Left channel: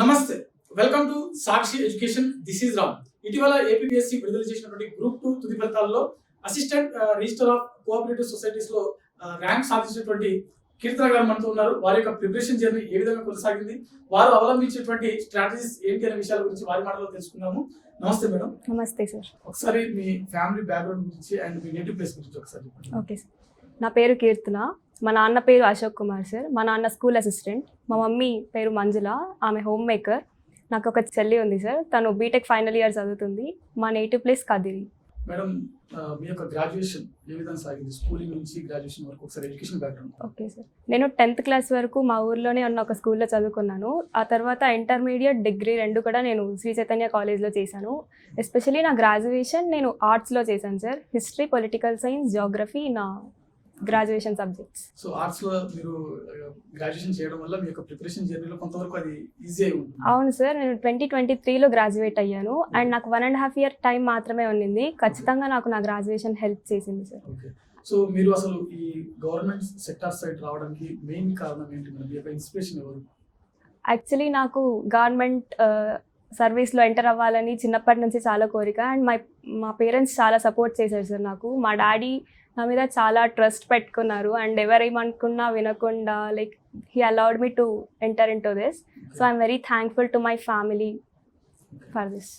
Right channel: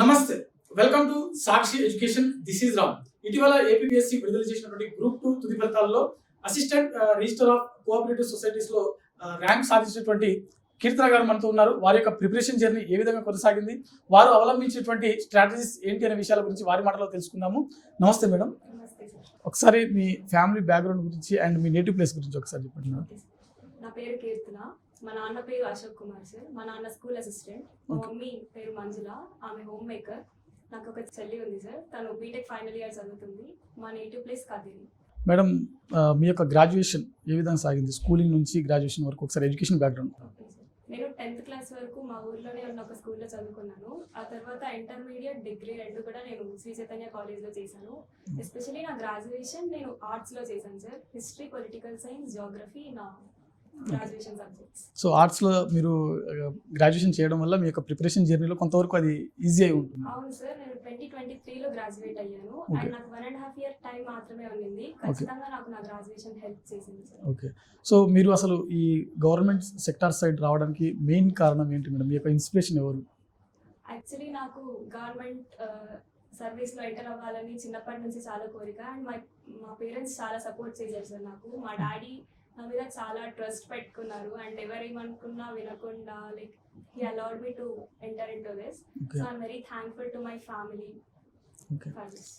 నమస్తే, welcome to Sakshi education. This is Ram. ఇటీవల APSC విడుదల చేసినటువంటి గ్రూప్ 2 తుది ఫలితాల్లో assistant register of cooperative societies లో ర్యాంక్ సాధించినటువంటి కీర్తన గారు మనతో ఉన్నారు. వారి యొక్క ప్రిపరేషన్ జర్నీ ఏ విధంగా కొనసాగింది, వారు అవలంబించేటువంటి స్ట్రాటజీస్ ఏంటి అనే విషయాల గురించి వారి మాటలో తెలుసుకుందాము. నమస్తే మేడం. నమస్తే సార్. ఒకసారి మీ ఫ్యామిలీ బ్యాక్గ్రౌండ్ గురించి అండ్ మీ నేటివ్ ప్లేస్ గురించి ఒకసారి చెప్పండి. ఓకే సార్, నా పేరు కీర్తన. మా నాన్న పేరు అశోక్ కుమార్ సార్. మా నాన్న స్కూల్ అసిస్టెంట్. మా మమ్మీ పేరు మంజుల, ఆమె హోమ్ మేకర్. నాకు ఒక చెల్లి ఉంది సార్, తను బీటెక్ ఫైనల్ ఇయర్ చదువుతుంది. మా నేటివ్ ప్లేస్ కదిరి. మేడం, మీ యొక్క గ్రాడ్యుయేషన్ ఏ విధంగా సాగింది? స్కూలింగ్ నుంచి గ్రాడ్యుయేషన్ వరకు ఒకసారి ఎడ్యుకేషన్ బ్యాక్గ్రౌండ్. ఓకే సార్, నేను 10th క్లాస్ వరకు మా ఊర్లోనే ఉన్న ఒక స్కూల్లో చదువుకున్నాను. ఆ తర్వాత ఇంటర్మీడియట్, డిగ్రీ రెండు కూడా నేను శ్రీ చైతన్య కాలేజ్లో చేశాను. ఎస్పెషలీ నా గ్రాడ్యుయేషన్ నేను ఆర్ట్స్లో చేశాను sir. History, political science, Geography నా గ్రాడ్యుయేషన్ సబ్జెక్ట్స్. సో ఆర్ట్స్లో మీరు గ్రాడ్యుయేషన్ చేయడం వల్ల మీ యొక్క ప్రిపరేషన్ జర్నీలో కొంతవరకు అది ఈజీ అయి ఉంటుంది. అవును సార్, నేను 2023లో గ్రాడ్యుయేట్ అయ్యాను. అండ్ నాకు 1.5 year టైం మాత్రమే ఉన్నింది. ఖచ్చితంగా నాకు నా గ్రాడ్యుయేషన్ హెల్ప్ చేసింది సార్. ఓకే, సో మీరు అసలు ఈ గవర్నమెంట్ సెక్టార్ సైడ్ రావడానికి మెయిన్ కారణం ఏంటి మేడం? మీ యొక్క ఇన్స్పిరేషన్ ఎవరు? యాక్చువల్లీ నాకు గవర్నమెంట్ సర్వీస్లో ఎంటర్ అవ్వాలని చిన్నప్పటి నుంచి చాలా కోరిక. అండ్ మా పేరెంట్స్ చాలా సపోర్ట్ చేశారు సార్ నాకు. మా డాడీ నా మీద చాలా ట్రస్ట్ పెట్టుకున్నారు. అండ్ ఎవరేమనుకున్నా వినకుండా like he allowed me to enter in to this. So I'm very thankful to my family for this.